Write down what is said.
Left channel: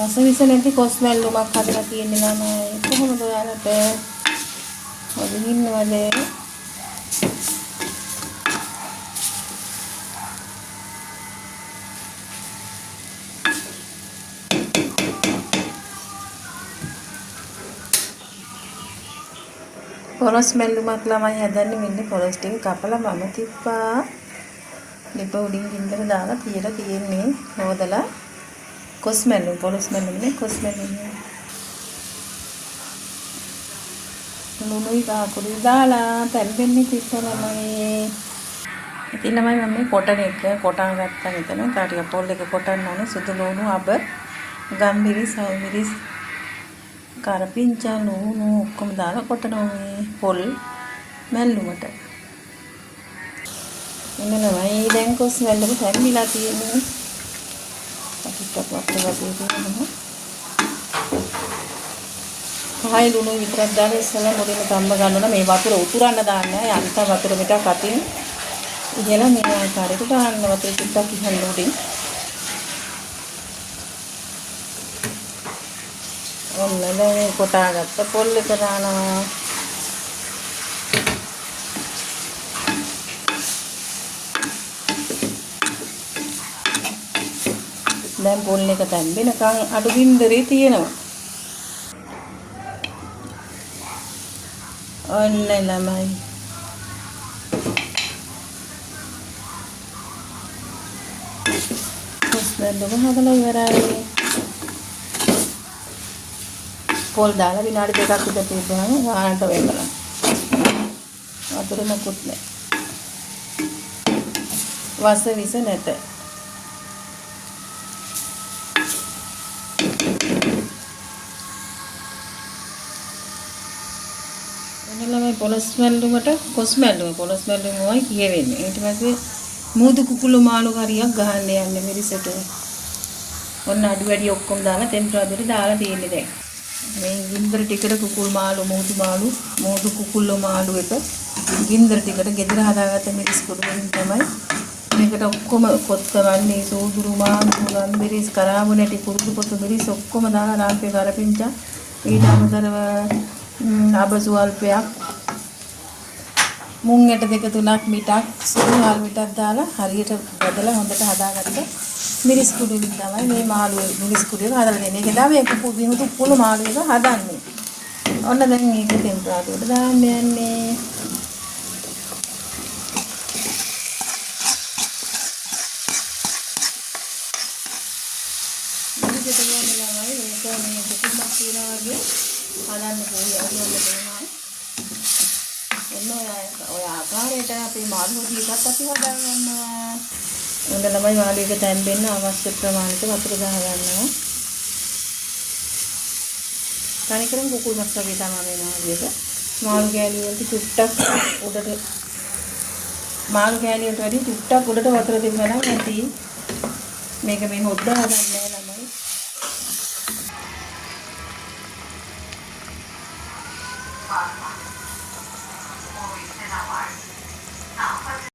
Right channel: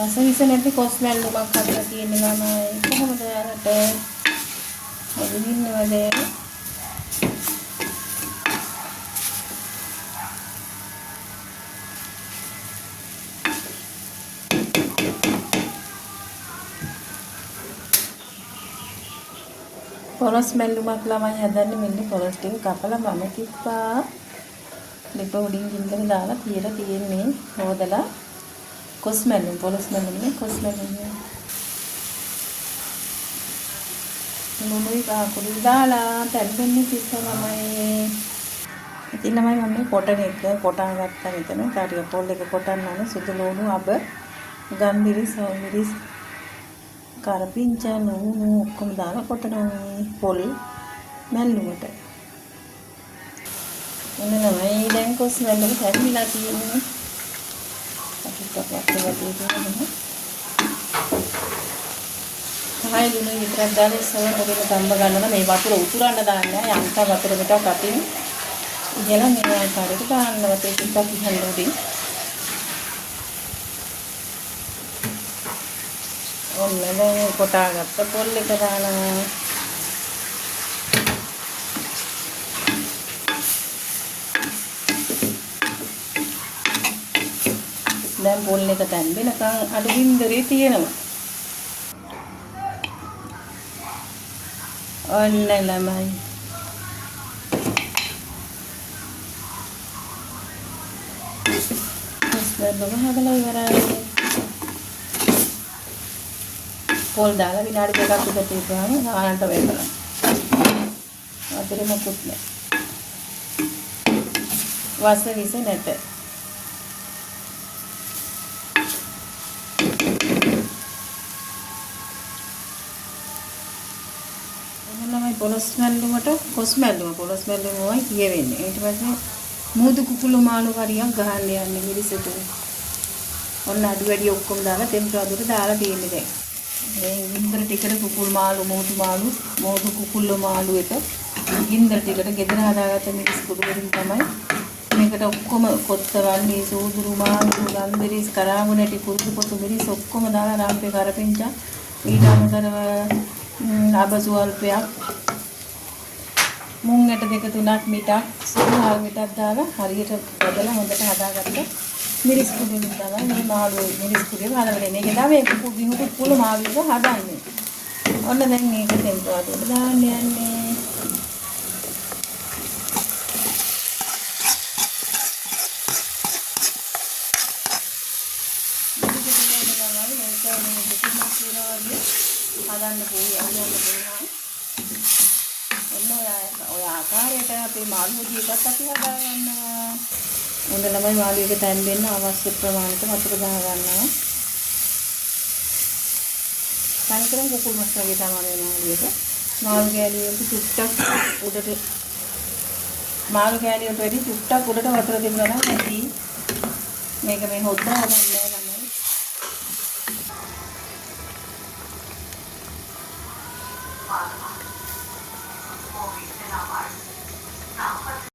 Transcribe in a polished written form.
රසවිස නැති කොස්මැල්ලුමක් හදලා තියෙනවා නම් කොහොමද ඔයාලට හදින්නවද? පොරොස් මැල්ලුමක් ළමයි හදන්නේ මෙන්න පොරොස් ටික කපලා මම තිප්පා. ලිප උඩින් ගින්දර දාලා තියලා තියෙන්නේ හොදලා කොස් මැල්ලුම් පොරොස් මැල්ලුම් නේ කොස් මැල්ලුම්. ලුණුයි පහකුඩු දාලා තැම්බෙන්නේ තිස්සනමයි. ඉතින් ළමයි මම මේ කොටන එක කොටන් ගත්තා මෙතන. ටික පොල් එක කොටන්න ඕනේ. සුදු ලුණු අබ ගම්මිරිස් මිරිස් කරපිංචා ලුණු ඔක්කොම දාලා කොටනවා මේ පොල් මැල්ලුමට. එන්නමයි දැන් කොස් මැල්ලුම තැම්බිලා තියෙන්නේ. අපිට වතුර තියෙනවා. හායි ලුණු විතරක් දාලා ඉස්සලා මුලින්ම ධම්ම ගන්නවා. මේ වතුර උතුරන්න දාන්න. යන්තම් වතුර මිට කටින් ඉගෙන මේ ආකාරයට දාන්න වතුර ටිකක් ඉහළ උඩින්. ඔන්න කොටාගත්ත පොල් එක දානවා. දැන් පොල් එක තැම්බෙනකන් අඩු ගින්දරේ තියෙනවා. ඔන්න ළමයි කොස්මැල්ලුම හදලා ඉවරයි. පොල් දාලා විනාඩි දෙකක් විතර තියපුවාම ගානට වෙයි බලන්න. වතුර මොකුත් නැහැ. වස විස නැත. එන්නලමයි පොලොස් මැල්ලුමට කොස් මැල්ලුම පොලොස් මැල්ලුමයි කියවෙන්නේ. ඊට පස්සේ මූදු කුකුළු මාළු කරියක් ගහන්න යන්නේ මිරිසට. ඔන්න අඩු වැඩි ඔක්කොම දාලා ටෙම්පරාදුරට දාලා තියෙන්නේ දැන්. මේ ගින්දර ටිකට කුකුල් මාළු මූදු කුකුළු මාළු එක ගින්දර ටිකට ගෙදර හදාගත්ත මිරිස් කුඩු වලින් තමයි මේකට ඔක්කොම කොත්තවන්නේ සෝදුරු මාළු ගම්මිරිස් කරාබු නැටි කුරුදු පොතු මිරිස් ඔක්කොම දාලා රාම්පේ කරපිංචා ඊට අමතරව අබසුවල්පයක් මුං ඇට දෙක තුනක් මිටක් සුදු හාල් මිටක් දාලා හරියට බදලා හොඳට හදාගත්ත මිරිස් කුඩු වලින් තමයි මේ මාළු මිරිස් කුඩු එක හදලා දෙන්නේ. ඒක තමයි විහුතු කුළු මාළු එක හදන්නේ. ඔන්න දැන් මේක ටෙම්පරාදුරට දාන්න යන්නේ. හදන්න පුළුවන්. එන්න ඔය ආකාරයට අපේ මාළු ටිකක් අපි හදා ගන්නවා. උන්ද ළමයි මාළු එක තැම්බෙන්න අවශ්‍ය ප්‍රමාණයට වතුර දා ගන්නවා. කණිකරම් කුකුල් මස් වගේ තමයි මාළුක. මාළු කෑලි වලට චුට්ටක් උඩට මාළු කෑලි වලට වැඩි චුට්ටක් උඩට වතුර තිබුණා නම් ඇති. මේක මේ හොද්දා ගන්න